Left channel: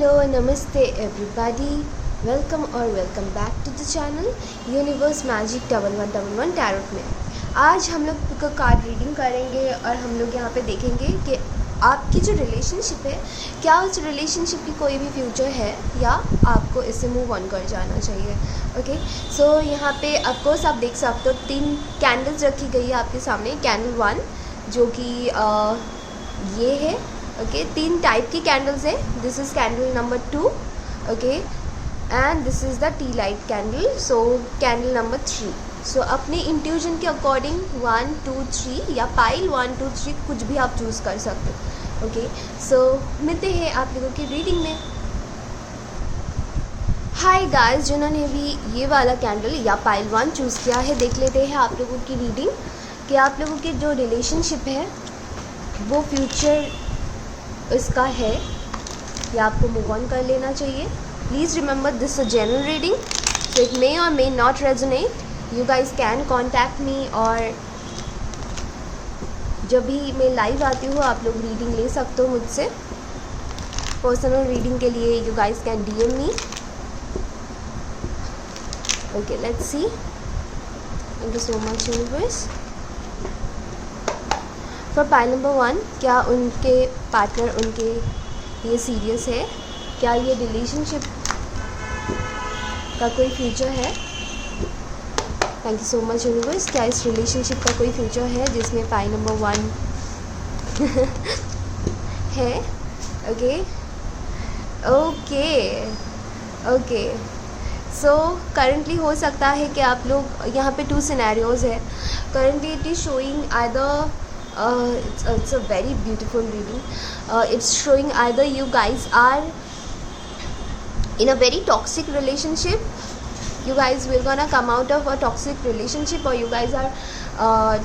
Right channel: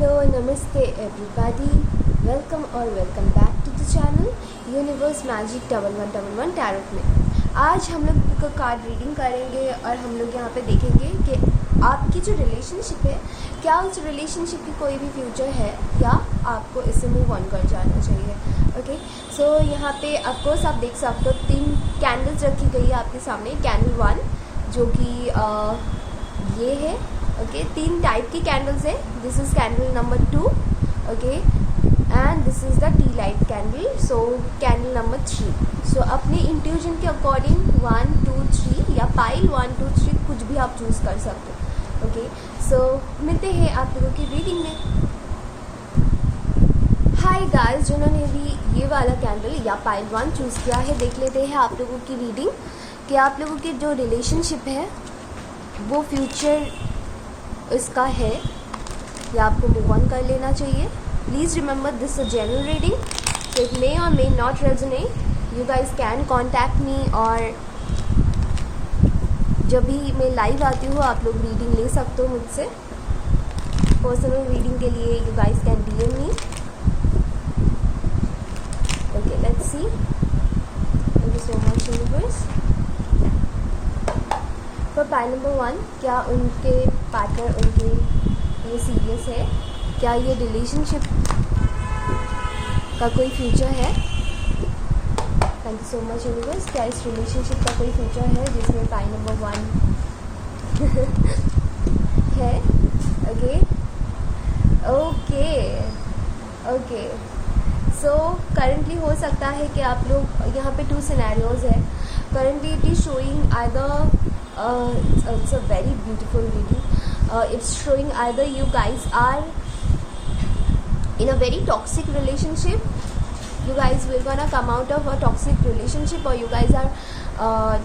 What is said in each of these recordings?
Hello नमस्ते everybody, welcome back to the channel universe magic 1111 tarot में। आज हम लोग कार्ड रीडिंग करेंगे और हम लोग यहाँ पे देखेंगे कि आपकी जो रिलेशनशिप है, क्या उस रिलेशनशिप की कोई भी फ्यूचर है या आपको इससे मूव ऑन कर जाना चाहिए। ओके, सो यहाँ पे ऑफकोर्स आप देख सकते हो 3 कैंडल्स रखी गई है आपके सामने। कैंडल 1 जो कि ये है। ओके, 3 टाइप की कैंडल्स है। This is candle number 2, okay, and this is the T light candle. So candle number 3। सो अपने इंट्यूजन के अकॉर्डिंग 1 2 3 या पाइल 1 2 3 कुछ भी आप चूज़ कर सकते हो। ओके, सो मिलते हैं आप लोगों की रीडिंग में। हाय गाइस, जिन्होंने भी ये वाला कैंडल या पाइल 1 चूज़ किया है, देख लेते हैं आप लोगों की रीडिंग कि आप लोगों की जो रिलेशनशिप है वो फ्यूचर इसका है या आपको मूव ऑन कर लेना चाहिए। Please remember this a general reading, so it may or may not resonate. You guys can contact me, और जब भी मैं लाइव आती हूँ आप लोग रीडिंग ले सकते हो मुझसे। पर्सनल रीडिंग के लिए you guys can DM me. Okay, let's C. Thank you so much universe. For pile number 1, क्या उनके पार्टनर उनके ये सीरियस है? क्या ये रिलेशनशिप का कोई फ्यूचर है? Thank you so much universe. क्या इस रिलेशनशिप का कोई फ्यूचर है जिसमें पाइल नंबर 1 है? Okay okay okay, so currently हो सकता है कि आप लोग यहाँ पे 2 सिनेरियोज़ है। Currently it is showing either it's a very beautiful reading. It's showing either you guys are in a very toxic relationship. You guys will gonna come out of a toxic relationship, or you guys are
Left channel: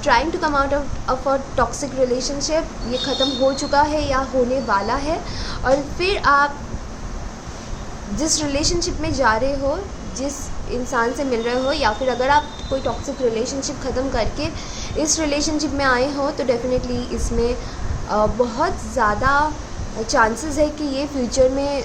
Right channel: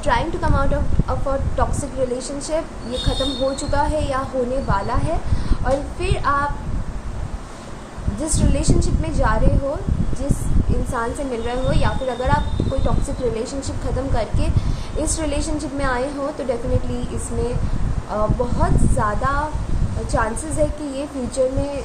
trying to come out of a toxic relationship. ये ख़त्म हो चुका है या होने वाला है, और फिर आप जिस रिलेशनशिप में जा रहे हो, जिस इंसान से मिल रहे हो, या फिर अगर आप कोई टॉक्सिक रिलेशनशिप ख़त्म करके इस रिलेशनशिप में आए हो तो डेफिनेटली इसमें बहुत ज़्यादा चांसेस है कि ये फ्यूचर में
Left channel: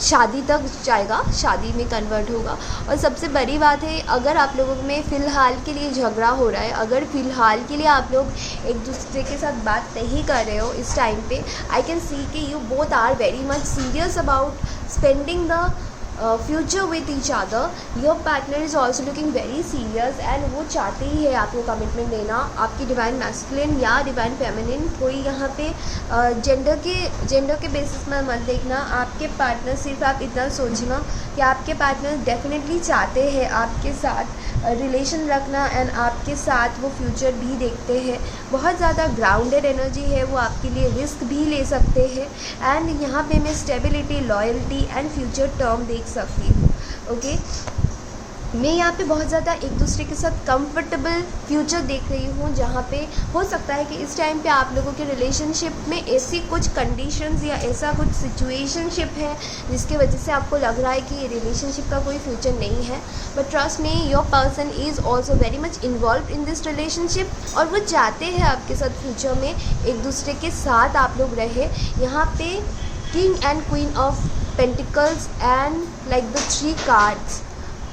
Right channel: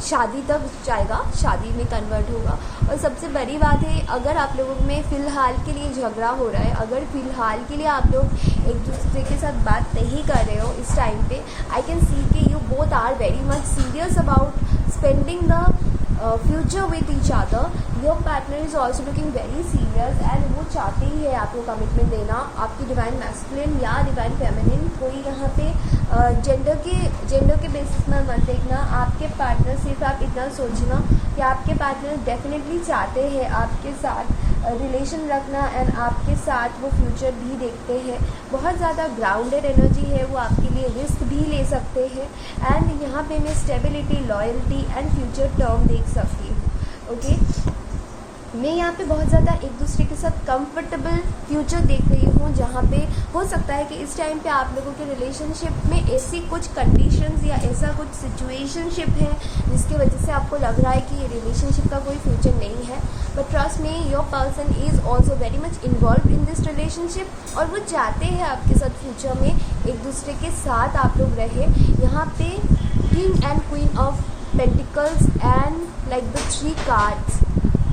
शादी तक जाएगा, शादी में कन्वर्ट होगा। और सबसे बड़ी बात है, अगर आप लोगों में फ़िलहाल के लिए झगड़ा हो रहा है, अगर फ़िलहाल के लिए आप लोग एक दूसरे के साथ बात नहीं कर रहे हो इस टाइम पे, आई कैन सी कि you both are very much serious about spending the future with each other. Your partner is also looking very serious, and वो चाहते ही है आपको कमिटमेंट देना। आपकी डिवाइन मैस्कुलिन या डिवाइन फेमिनिन, कोई यहाँ पे जेंडर के बेसिस में मत देखना। आपके पार्टनर, सिर्फ आप इतना सोचना कि आपके पार्टनर डेफिनेटली चाहते हैं आपके साथ रिलेशन रखना, एंड आपके साथ वो फ्यूचर भी देखते हैं। बहुत ज़्यादा ग्राउंडेड एनर्जी है, वो आपके लिए रिस्क भी ले सकते हैं। एंड यहाँ पे मैं stability, loyalty and future term देख सकती हूँ। ओके, मैं यहाँ पे बहुत ज़्यादा एक दूसरे के साथ कंफर्टेबल फ्यूचर देख रही हूँ, जहाँ पे हो सकता है कि इस टाइम पे आप लोगों के रिलेशनशिप में ऐसी कुछ कंडीशंस या ऐसा कुछ सिचुएशनशिप है जिसके वजह से आपको लग रहा है कि ये रिलेशनशिप का कोई फ्यूचर नहीं है। But trust me, your person is also very much involve in this relationship, और वो चाहते हैं आपके साथ फ्यूचर में एक दूसरे के साथ आप लोग रहे। यहाँ पे king and queen of pentacles and like the 3 cards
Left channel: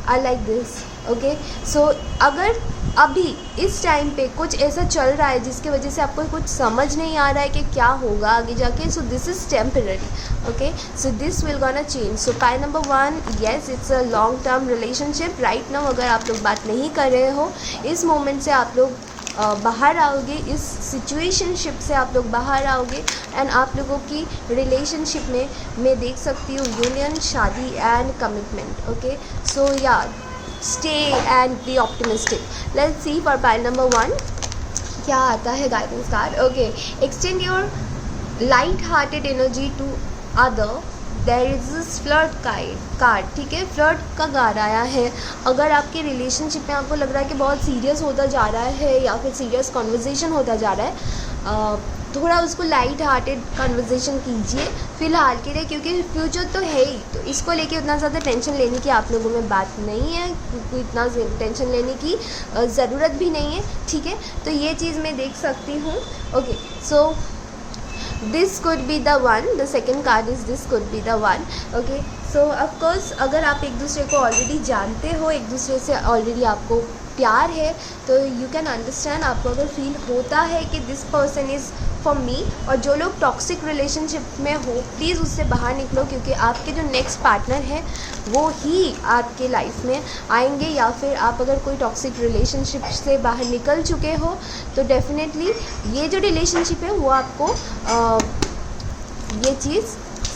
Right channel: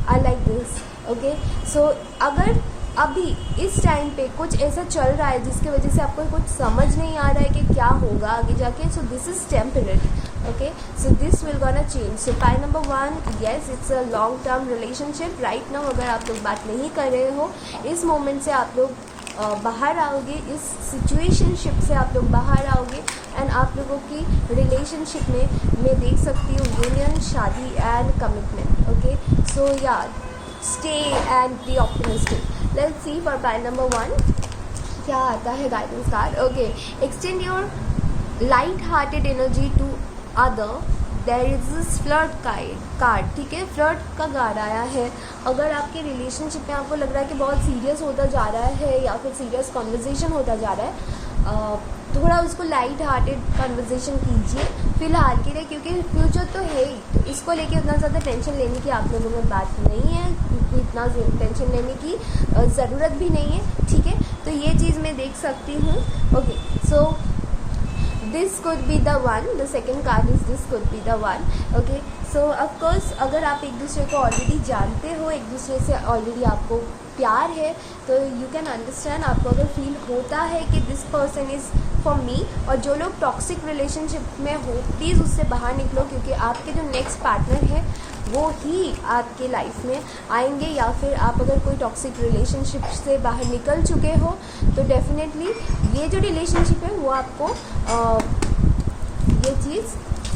I like this. Okay, so अगर अभी इस टाइम पे कुछ ऐसा चल रहा है जिसकी वजह से आपको कुछ समझ नहीं आ रहा है कि क्या होगा आगे जाके, सो this is temporary. Okay, so this will gonna change. So pile number 1, yes, it's a long term relationship right now. अगर आप लोग बात नहीं कर रहे हो, इस मोमेंट से आप लोग बाहर आओगे, इस सिचुएशनशिप से आप लोग बाहर आओगे, एंड आप लोगों की रिलेशनशिप में मैं देख सकती हूँ यूनियन, शादी and commitment. Okay, so yeah stay and be optimistic. Let's see for pile number 1 क्या आता है guidance card. Okay, extend your light hearted energy to other, there is this flirt card. ठीक है, फ्लर्ट का card आया है। अगर आपके रिलेशनशिप में आपको लग रहा है कि बहुत सीरियस होता जा रहा है या फिर सीरियस कॉन्वर्जेसन होता जा रहा है, थोड़ा उसको लाइट हार्टेड कन्वर्जेसन कीजिए फ़िलहाल के लिए, क्योंकि फ्यूचर तो है ही, तो इसको लेके उतना ज़्यादा टेंशन लेने की आप लोगों में बात नहीं है, इतना टेंशन लेने की ज़रूरत भी नहीं है। ठीक है, तो ये चीज़ मैं देख सकती हूँ। Okay, so this could be the one, the second card is this could be the one. Okay, so of course अगर आप एक दूसरे को ऑलरेडी जानते हो, एक दूसरे से ऑलरेडी आपको प्यार है, तो यू कैन अंडरस्टैंड. आपको अगर फील होता है कि this person is for me, और जो लोग टॉक्सिक रिलेशनशिप में हो प्लीज़ उससे बाहर निकलो, क्योंकि आपके जो नेक्स्ट पार्टनर है वो ही आपके लाइफ में आएंगे. या फिर आप अगर कोई टॉक्सिक रिलेशनशिप से बाहर निकल चुके हो तो डेफिनेटली ये जो रिलेशनशिप है वो आपको ये चीज़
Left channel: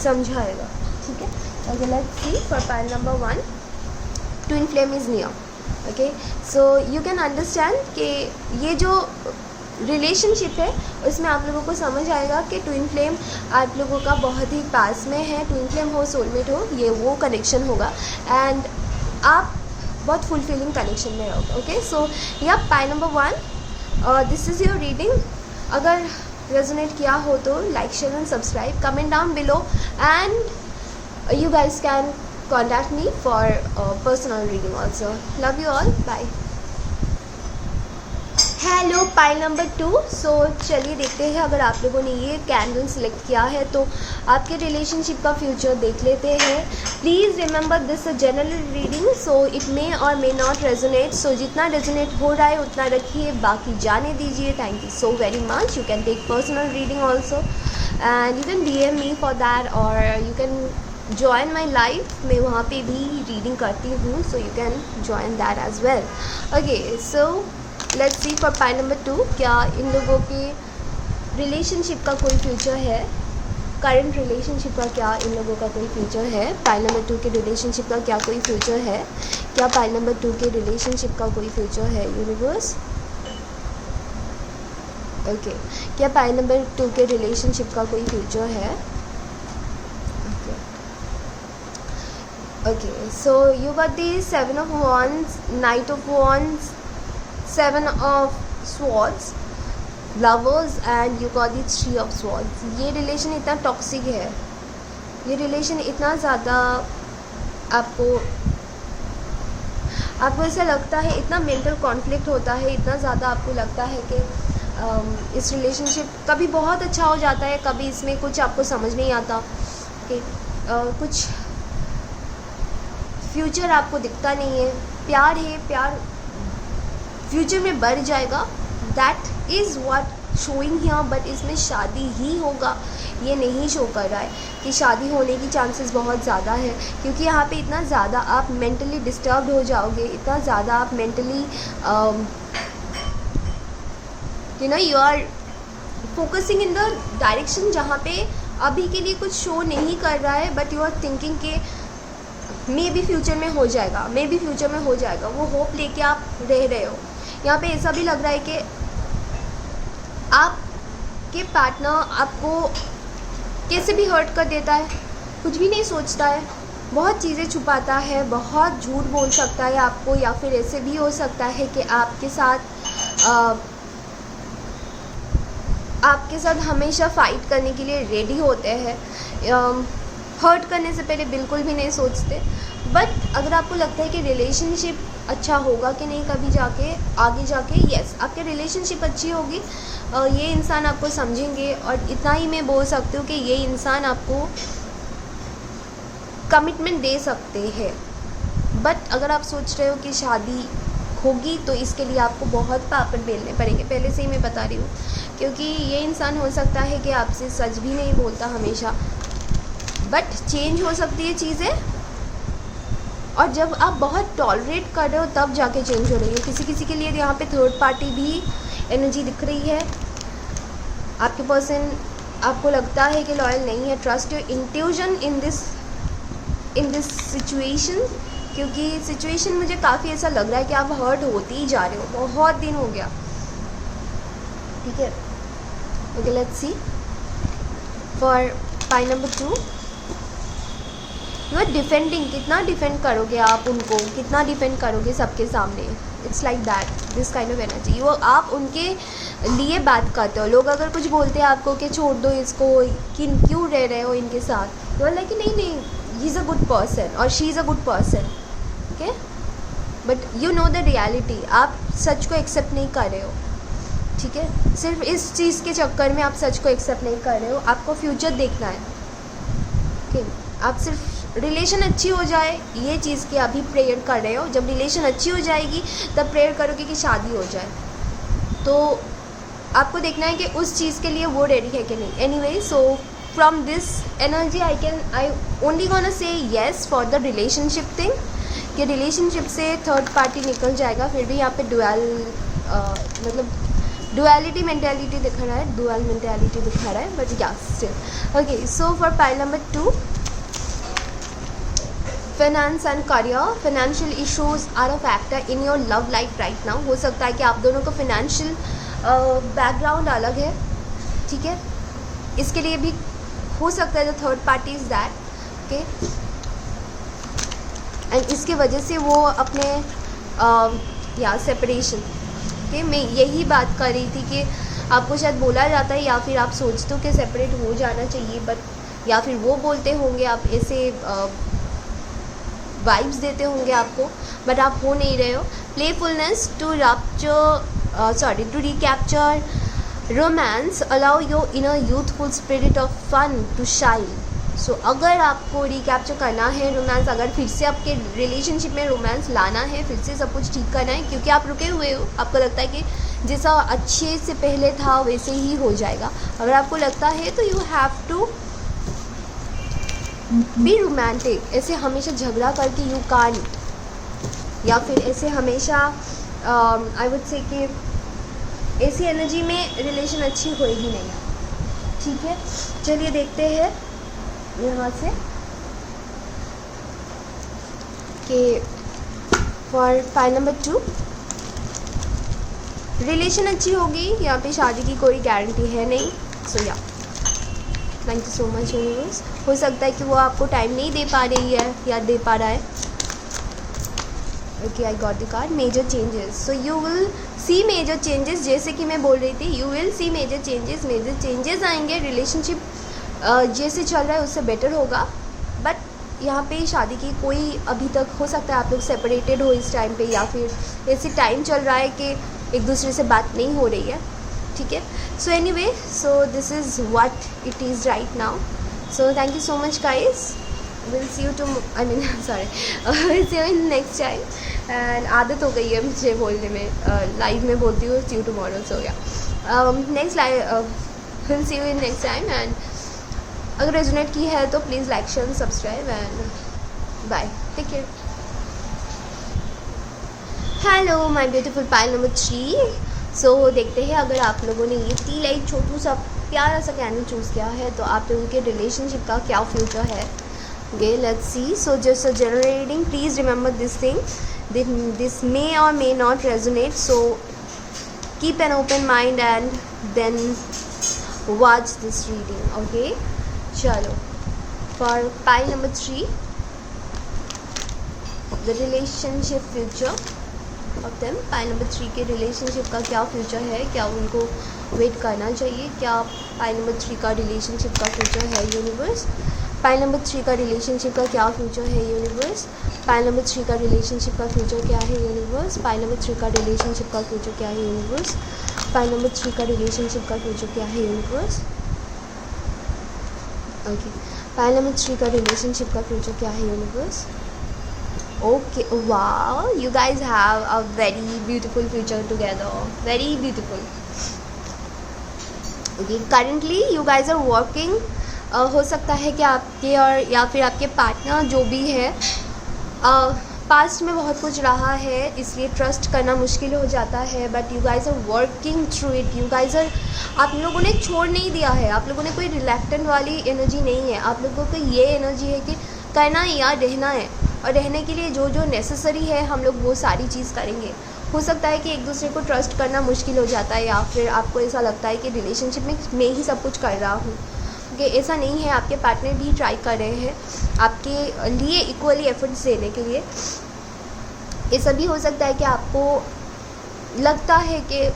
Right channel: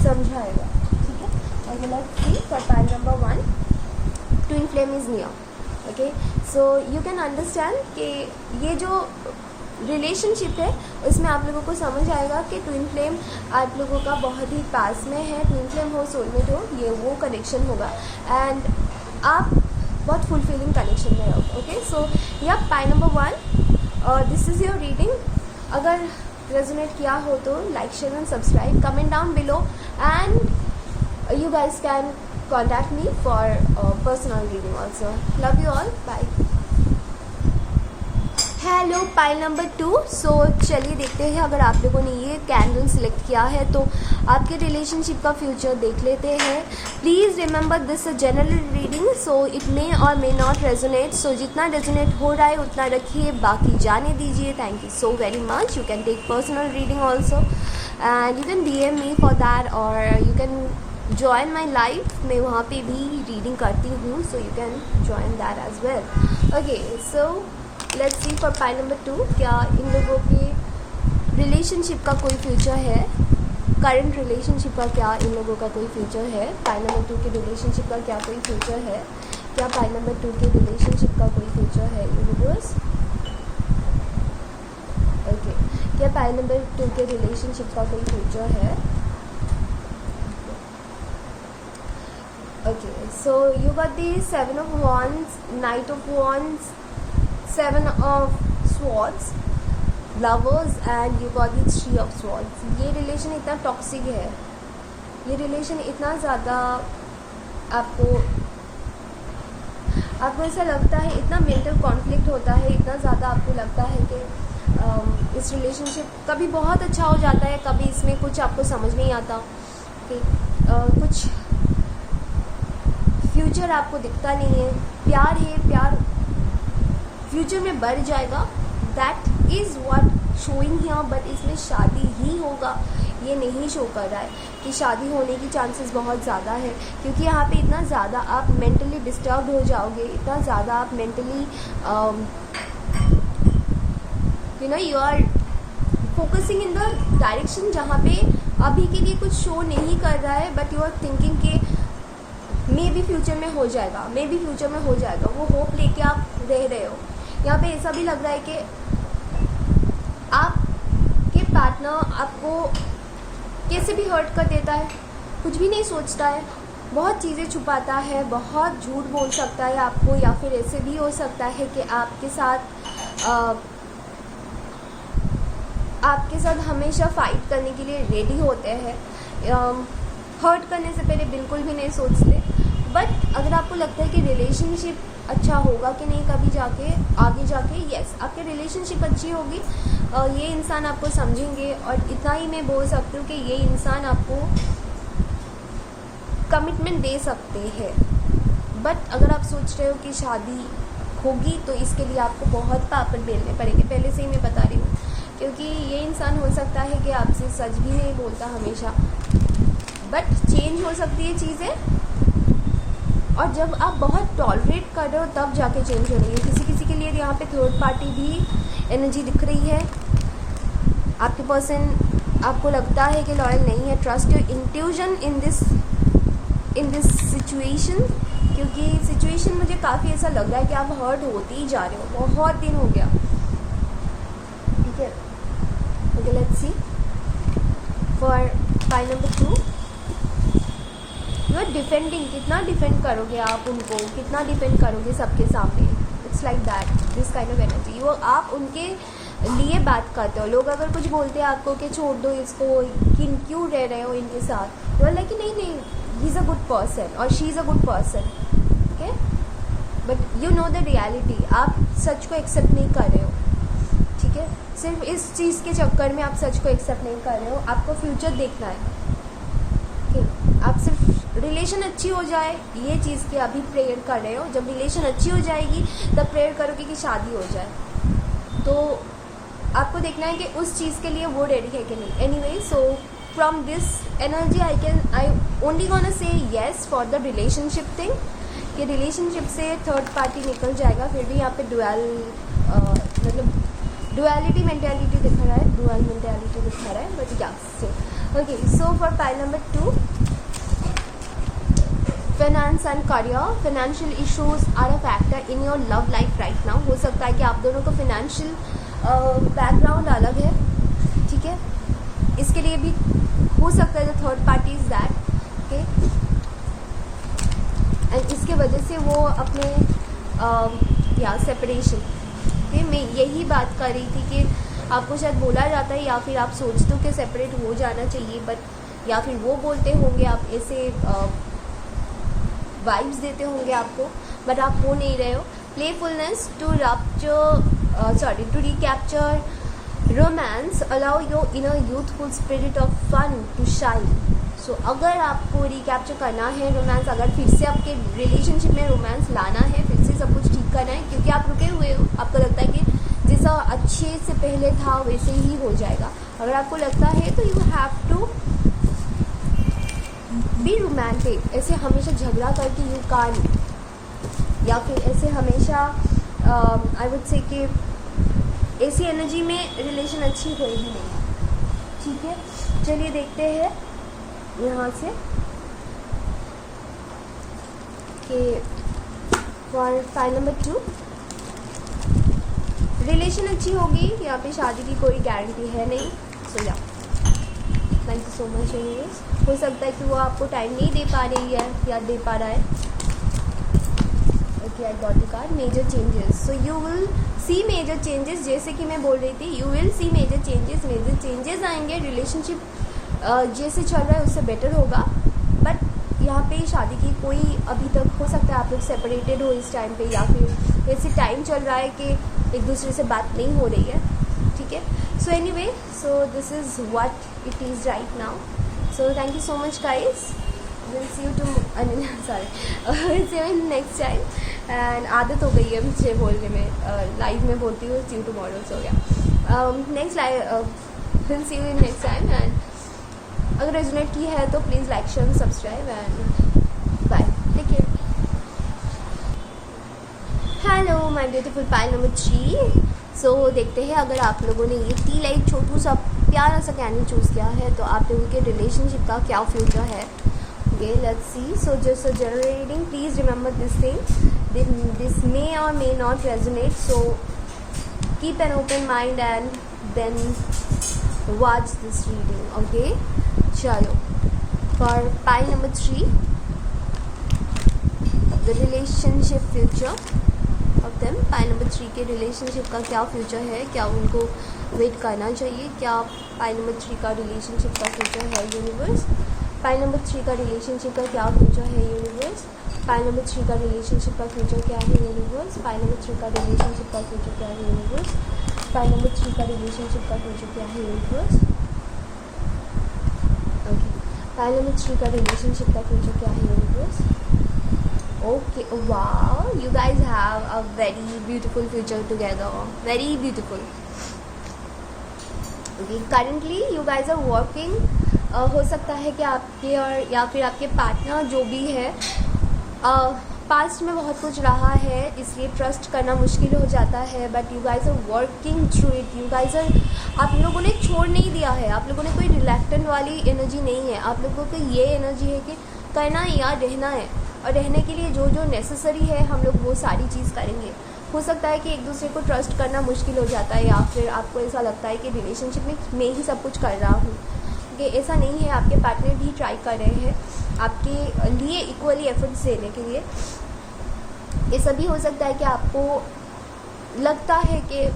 समझाएगा. ठीक है, अगर let's see for pile number 1, twin flame is near. Okay, so you can understand कि ये जो रिलेशनशिप है उसमें आप लोगों को समझ आएगा कि ट्विन फ्लेम आप लोगों का बहुत ही पास में है. ट्विन फ्लेम हो, सोलमेट हो, ये वो कनेक्शन होगा एंड आप बहुत फुलफिलिंग कनेक्शन में रहोगे. ओके, सो या pile number 1, this is your reading. अगर रेजोनेट किया हो तो like, share and subscribe, comment down below, and you guys can contact me for personal reading also. Love you all. Bye. Hello, pile number 2. सो चलिए देखते हैं. अगर आप लोगों ने ये कैंडल सिलेक्ट किया है तो आपके रिलेशनशिप का फ्यूचर देख लेते हैं. Please remember this a general reading, so it may or may not resonate. सो जितना रेजोनेट हो रहा है उतना रखिए, बाकी जाने दीजिए. Thank you so very much. You can take personal reading also and you can DM me for that, और you can join my life. मैं वहाँ पे भी रीडिंग करती हूँ, so you can join that as well. Okay, so let's see for pile number 2, क्या इन लोगों के रिलेशनशिप का कोई फ्यूचर है. करंट रिलेशनशिप का क्या इन लोगों का कोई फ्यूचर है. पाइल नंबर 2 के रिलेशनशिप का क्या कोई फ्यूचर है. क्या पाइल नंबर 2 के रिलेशनशिप का कोई फ्यूचर है यूनिवर्स. ओके, क्या पाइल नंबर 2 के रिलेशनशिप का कोई फ्यूचर है. Okay, so you got the 7 of Wands, Knight of Wands, 7 of Swords, Lovers, and you got the 3 of Swords. ये रिलेशन इतना टॉक्सिक है, ये रिलेशन इतना ज़्यादा आपको ऐसा लगता है, इतना मेंटल कॉन्फ्लिक्ट होता है, इतना ज़्यादा आपको लगता है कि इस रिलेशनशिप कभी बहुत अच्छा हो जाता है, कभी इसमें कुछ आपको समझ नहीं आता कि कुछ फ्यूचर आपको दिखता नहीं है. प्यार है, प्यार फ्यूचर में बढ़ जाएगा, that is what showing here. But इसमें शादी ही होगा ये नहीं शो कर रहा है कि शादी होने की चांसेस बहुत ज़्यादा है, क्योंकि यहाँ पे इतना ज़्यादा आप मेंटली डिस्टर्ब्ड हो जाओगे, इतना ज़्यादा आप mentally you are focusing in the direction जहाँ पे अभी के लिए कुछ शो नहीं कर रहा है, बट यू आर थिंकिंग कि मे बी फ्यूचर में हो जाएगा, मे बी फ्यूचर में हो जाएगा. वो होप लेके आप रह रहे हो. यहाँ पे ऐसा भी लग रहा है कि आपके पार्टनर आपको कैसे भी हर्ट कर देता है, कुछ भी नहीं सोचता है, बहुत चीज़ें छुपाता है, बहुत झूठ बोल सकता है आपको, या फिर ऐसे भी हो सकता है कि आपके साथ हमेशा फाइट करने के लिए रेडी होते हैं. हर्ट करने से पहले बिल्कुल भी नहीं सोचते. बट अगर आपको लगता है कि रिलेशनशिप अच्छा होगा कि नहीं कभी जाके आगे जाके, यस आपके रिलेशनशिप अच्छी होगी, ये इंसान आपको समझेंगे. और इतना ही मैं बोल सकती हूँ कि ये इंसान आपको कमिटमेंट दे सकते हैं. बट अगर आप सोच रहे हो कि शादी होगी तो इसके लिए आपको बहुत पापड़ बेलने पड़ेंगे, पहले से ही मैं बता रही हूँ, क्योंकि ये इंसान हो सकता है कि आपसे सच भी नहीं बोलता हमेशा, बट चेंज हो सकती है चीज़ें. और जब आप बहुत टॉलरेट कर रहे हो तब जाके चेंज हो रही है. किसी किसी के लिए यहाँ पे थर्ड पार्टी भी एनर्जी दिख रही है. आपके पर्सन आपको लगता है कि लॉयल नहीं है. Trust your intuition in this situation, क्योंकि सिचुएशन मुझे काफ़ी ऐसा लग रहा है कि आप हर्ट होते ही जा रहे हो, बहुत दिन हो गया. ठीक है, okay let's see for pile number 2. You are defending. कितना डिफेंड करोगे आप उनको, कितना डिफेंड करोगे सबके सामने. It's like that, this kind of energy. वो आप उनके लिए बात करते हो. लोग अगर कुछ बोलते हैं आपको कि छोड़ दो इसको, क्यों रह रहे हो इनके साथ, यू आर लाइक नहीं नहीं, he is a good person और she is a good person. Okay, but you know the reality. आप सच को एक्सेप्ट नहीं कर रहे हो. ठीक है, सिर्फ इस चीज़ के चक्कर में आप सच को एक्सेप्ट नहीं कर रहे हो, आपको फ्यूचर देखना है। ठीक, आप सिर्फ रिलेशन अच्छी हो जाए ये चीज़ की अभी प्रेयर कर रहे हो, जब रिलेशन अच्छी हो जाएगी तब प्रेयर करोगे कि शादी हो जाए। तो आपको देखना है कि उस चीज़ के लिए वो रेडी है कि नहीं। Anyway, so from this energy I only gonna say yes for the relationship thing, कि रिलेशनशिप से थर्ड पार्टी निकल जाएगा। फिर भी यहाँ पे मतलब डुअलिटी मेंटेलिटी दिखा रहा है, डुअल मेंटेलिटी दिखा रहा है, but yeah still okay. So for pile number 2, finance and career, financial issues are a factor in your love life right now. हो सकता है कि आप दोनों का फाइनेंशियल बैकग्राउंड अलग है, ठीक है, इसके लिए भी हो सकता है the third party is that, okay, and इसके वजह से वो अपने या सेपरेशन के मैं यही बात कर रही थी कि आपको शायद बोला जाता है या फिर आप सोचते हो कि सेपरेट हो जाना चाहिए, बट या फिर वो बोलते होंगे, आप ऐसे वाइब्स देते होंगे आपको, बट आप हो नहीं रहे हो। Playfulness to to recapture romance allow your inner youthful spirit of fun to shine. So अगर आपको रिकैप्चर करना है रोमांस, अगर फिर से आपके रिलेशनशिप में रोमांस लाना है, फिर से सब कुछ ठीक करना है, क्योंकि आप रुके हुए हो, आपको लगता है कि जैसा अच्छे से पहले था वैसे ही हो जाएगा। अगर आपको लगता है तो you have to be romantic. ऐसे हमेशा झगड़ा करके यू कान, या फिर ऐसे हमेशा आई वुड से कि ऐसी एनर्जी में रिलेशन अच्छी होएगी नहीं, ठीक है। चलिए देखते हैं यहाँ से कि फॉर फाइल नंबर 2, रिलेशन अच्छी होगी, यहाँ पे शादी की कोई गारंटी है नहीं। सो या thank you so much universe. हो सकता है कि वो आपको टाइम नहीं दे पा रही है या दे पा रहा है। Okay, I got the card major changes. So you will see major changes, जैसे कि मैं बोल रही थी, you will see major changes आएंगे। रिलेशनशिप जैसे चल रहा है उससे बेटर होगा, बट यहाँ पे शादी की कोई अभी तक हो सकता है आप लोग सेपरेटेड हो इस टाइम पे, या फिर ऐसे टाइम चल रहा है कि एक दूसरे से बात नहीं हो रही है, ठीक है। So anyway, so this is what it is right now. So thank you so much guys, will see you to sorry will see you in next time. And आदत हो गई है मुझे बोलने में, लाइव में बोलती हूँ सी यू टुमारो, हो गया next live, will see you in next time. And अगर रेजोनेट की है तो please like share subscribe and bye, take care. Hello my beautiful pile number 3। So देखते हैं अगर आप लोगों ने ये टी लाइट छोटू सा प्यारा सा कैंडल चूज़ किया है तो आप लोगों के रिलेशनशिप का क्या फ्यूचर है। Okay, let's see. So just a general reading, please remember this thing, this may or may not resonate, so keep an open mind and then watch this reading. Okay, चलो for pile number 3, the relationship future of them. Pile number 3 के relationship का क्या future है, क्या उनको wait करना चाहिए, क्या पाइल नंबर 3 का रिलेशनशिप का फ्यूचर है यूनिवर्स। पाइल नंबर 3 का रिलेशनशिप का क्या फ्यूचर है यूनिवर्स। पाइल नंबर 3 का रिलेशनशिप का फ्यूचर क्या है यूनिवर्स। पाइल नंबर 3 का रिलेशनशिप का फ्यूचर क्या है यूनिवर्स। पाइल नंबर 3 का रिलेशनशिप का फ्यूचर क्या है यूनिवर्स। ओके, पाइल नंबर 3 का रिलेशनशिप का फ्यूचर क्या है universe. Okay, wow, you guys have a very beautiful future together, very beautiful. Okay, currently you guys are working, हो सकता है कि आपके और या फिर आपके पार्टनर जो भी है पास्ट में बहुत कुछ रहा है, इसलिए ट्रस्ट करना मुश्किल हो जाता है, but you guys are working through it. You guys are, आप लोगों ने छोड़ नहीं दिया है, आप लोगों ने कोई रिलैक्टेंट वाली एनर्जी नहीं है, आप लोगों को ये एनर्जी है कि करना है या रहना है, और रहने के लिए जो जो नेसेसरी है हम लोग वो सारी चीज़ करेंगे। हो सकता है कि एक दूसरे को ट्रस्ट करना मुश्किल हो जाता है, या फिर आपको ऐसा लगता है कि रिलेशनशिप में मैं ही सब कुछ कर रहा हूँ, क्योंकि ऐसा नहीं है, आपके पार्टनर भी ट्राई कर रहे हैं आपके लिए इक्वली एफर्ट्स देने के लिए। ऐसा भी हो सकता है कि आपको लगता है कि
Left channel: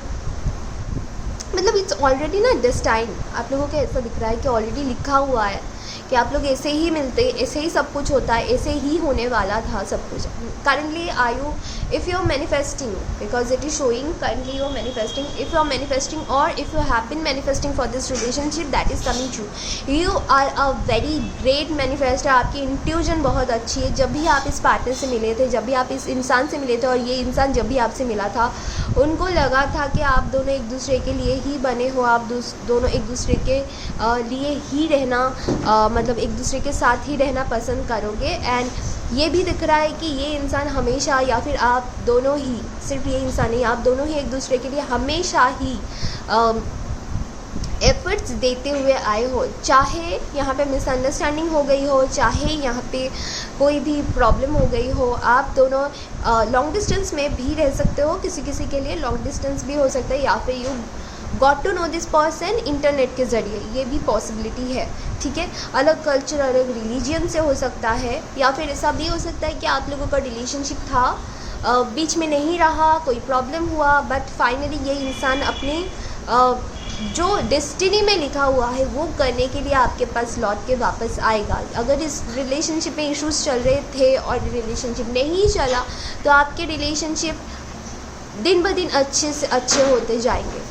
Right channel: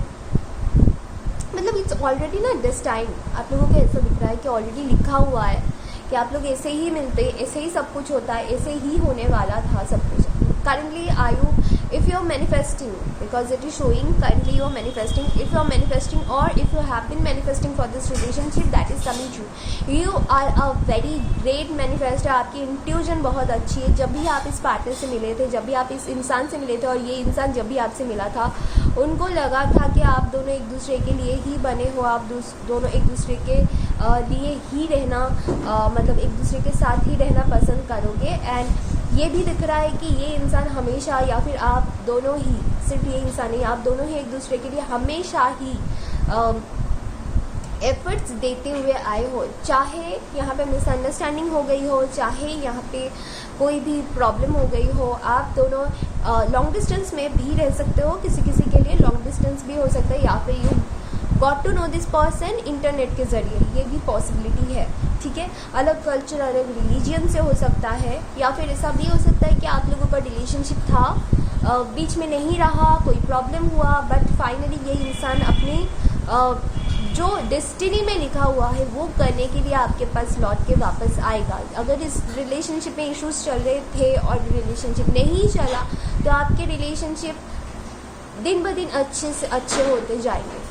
मतलब इट्स ऑलरेडी ना डेस्टाइन, आप लोगों को ऐसा दिख रहा है कि ऑलरेडी लिखा हुआ है कि आप लोग ऐसे ही मिलते, ऐसे ही सब कुछ होता है, ऐसे ही होने वाला था सब कुछ। currently are you, if you're manifesting, because it is showing currently you're manifesting, if you're manifesting or if you have been manifesting for this relationship, that is coming true. You are a very great manifestor. आपकी intuition बहुत अच्छी है. जब भी आप इस partner से मिले थे, जब भी आप इस इंसान से मिले थे और ये इंसान जब भी आपसे मिला था, उनको लगा था कि आप दोनों एक दूसरे के लिए ही बने हो, आप दोनों एक दूसरे के लिए ही रहना, मतलब एक दूसरे के साथ ही रहना पसंद करोगे. एंड ये भी दिख रहा है कि ये इंसान हमेशा, या फिर आप दोनों ही, सिर्फ ये इंसान नहीं, आप दोनों ही एक दूसरे के लिए हमेशा ही एफर्ट्स देते हुए आए हो. चाहे यहाँ पे मिसअंडरस्टैंडिंग हो गई हो, चाहे यहाँ पे कोई भी प्रॉब्लम हो गई हो, आप दोनों लॉन्ग डिस्टेंस में भी रह सकते हो. किसी किसी के लिए लॉन्ग डिस्टेंस भी हो सकता है, या फिर you got to know this person internet के ज़रिए, ये भी पॉसिबिलिटी है. ठीक है, अलग कल्चर, अलग रिलीजियन से हो सकता है, या फिर ऐसा भी हो सकता है कि आप लोगों का रिलेशनशिप था, बीच में नहीं रहा, कोई प्रॉब्लम हुआ, बट फाइनली ये इंसान अपने जो डेस्टिनी में लिखा हुआ है वो करने के लिए आपके पास लौट के वापस आएगा. अगर इस रिलेशनशिप में इश्यूज चल रहे थे और रिलेशनशिप नहीं चला, तो आपके रिलेशनशिप दिन ब दिन अच्छे से अच्छे होते जाएंगे.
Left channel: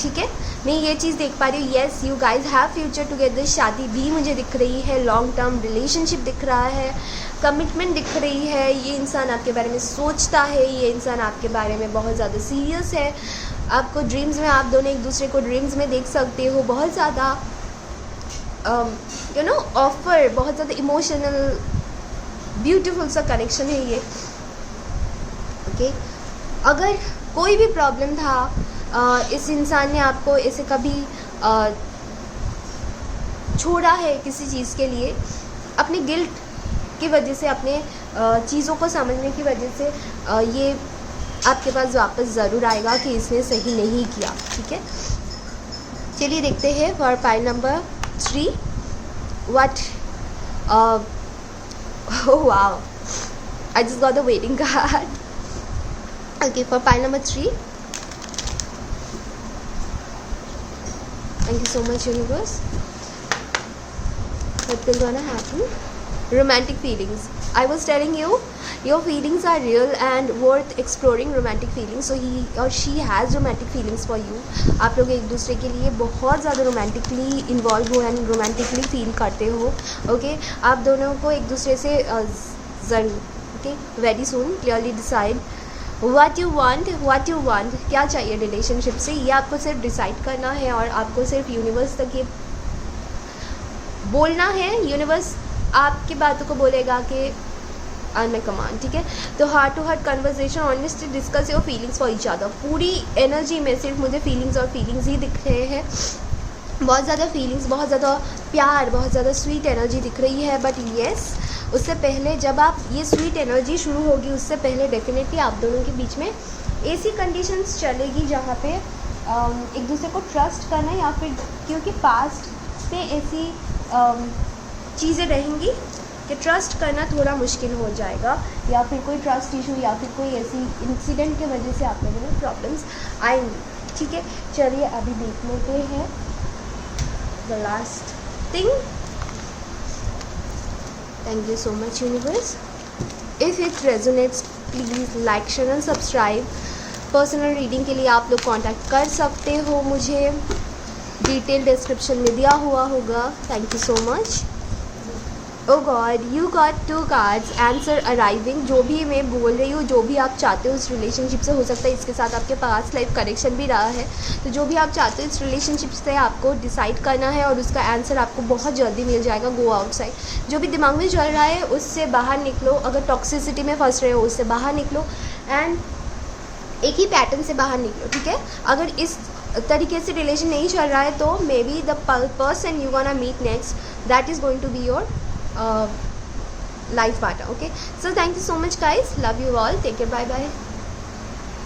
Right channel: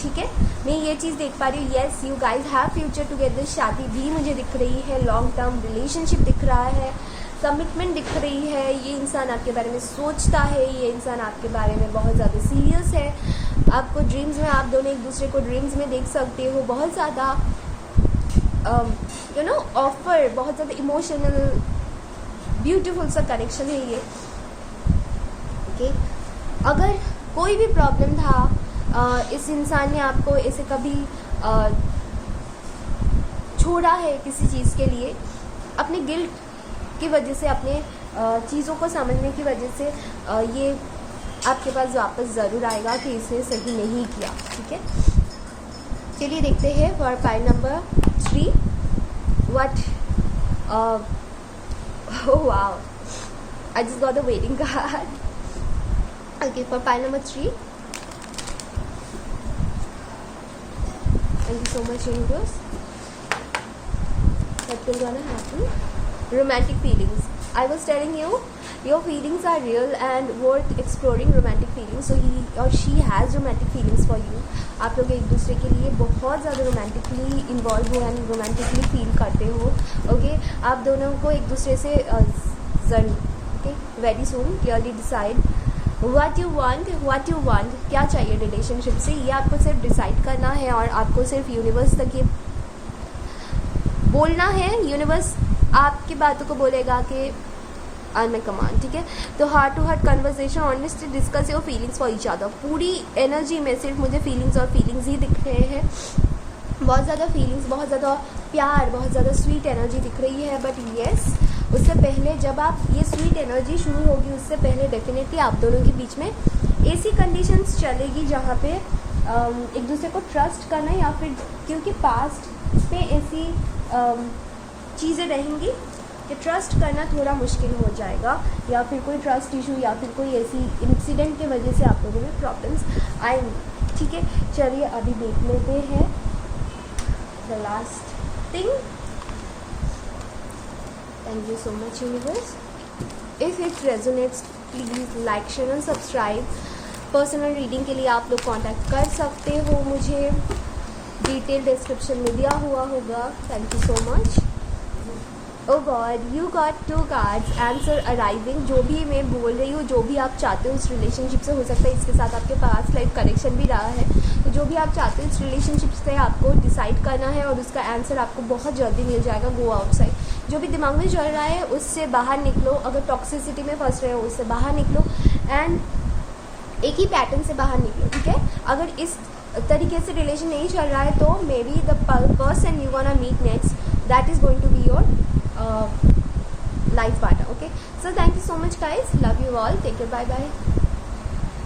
ठीक है, मैं ये चीज़ देख पा रही हूँ. Yes, you guys have future together. शादी भी मुझे दिख रही है, लॉन्ग टर्म रिलेशनशिप दिख रहा है, कमिटमेंट दिख रही है. ये इंसान आपके बारे में सोचता है, ये इंसान आपके बारे में बहुत ज़्यादा सीरियस है. आपको ड्रीम्स में, आप दोनों एक दूसरे को ड्रीम्स में देख सकते हो. बहुत ज़्यादा यू नो ऑफर, बहुत ज़्यादा इमोशनल ब्यूटीफुल सा कनेक्शन है ये. ओके, अगर कोई भी प्रॉब्लम था, इस इंसान ने आपको ऐसे कभी छोड़ा है किसी चीज़ के लिए, अपने गिल्ट की वजह से, अपने चीज़ों को समझने की वजह से, ये आपके पास वापस ज़रूर आएगा कि इसने सही नहीं किया. ठीक है, चलिए देखते हैं for file number 3 what. Wow, I just got the waiting card. Okay, for file number 3, thank you so much universe. What will gonna happen? Romantic feelings. I was telling you, your feelings are real and worth exploring. Romantic feelings. So he or she has romantic feelings for you. आप लोग एक दूसरे के लिए बहुत ज़्यादा romantically involve हो and romantically feel करते हो. ओके, आप दोनों को एक दूसरे से ज़रूर, okay, very soon clearly decide what you want, क्या चाहिए रिलेशनशिप से, ये आपको सिर्फ डिसाइड करना है. और आपको सिर्फ यूनिवर्स तक ये बोलना है. यूनिवर्स आपकी बातों को बोलेगा कि आई एम कमांड. ठीक है, तो heart to heart conversation, honestly discuss your feelings for each other. पूरी एनर्जी में सिर्फ मुझे फीलिंग्स और फीलिंग्स ही दिख रहे हैं. बहुत ज़्यादा फीलिंग्स, बहुत ज़्यादा प्यार, बहुत ज़्यादा स्वीट एनर्जी दिख रही है. बट येस, उससे पहले, जब आप ये स्वीट एनर्जी शुरू होगी, उससे पहले डेफिनेटली आप दोनों के बीच में ऐसी कंडीशंस चलेगी जहाँ पे एक दूसरे को ट्रस्ट करना, या फिर क्योंकि पास्ट पे ऐसी चीज़ें रहेंगी कि ट्रस्ट करना थोड़ा मुश्किल हो जाएगा, या फिर कोई ट्रस्ट इशू या फिर कोई ऐसी इंसिडेंट की वजह से आप लोगों में प्रॉब्लम्स आएंगी. ठीक है, चलिए अभी देख लेते हैं the last thing. Thank you so much universe. If it resonates, please like, share and subscribe. Personal reading के लिए आप लोग कांटेक्ट कर सकते हो मुझे, डिटेल डिस्क्रिप्शन में दिया हुआ होगा. Thank you so much. Oh God, you got 2 cards, answer arriving. जो भी मैं बोल रही हूँ, जो भी आप चाहते हो इस रिलेशनशिप से, हो सकता है इसके साथ आपके पास लाइफ कनेक्शन भी रहा है, तो जो भी आप चाहते हो इस रिलेशनशिप से आपको डिसाइड करना है और उसका आंसर आपको बहुत जल्दी मिल जाएगा. Go outside. जो भी दिमाग में चल रहा है उससे बाहर निकलो. अगर टॉक्सिसिटी में फंस रहे हो उससे बाहर निकलो एंड एक ही पैटर्न से बाहर निकलो. ठीक है, अगर इस तरीके से रिलेशन नहीं चल रहा है, तो maybe the person you gonna meet next, that is going to be your life partner. Okay, so thank you so much guys, love you all, take care, bye bye.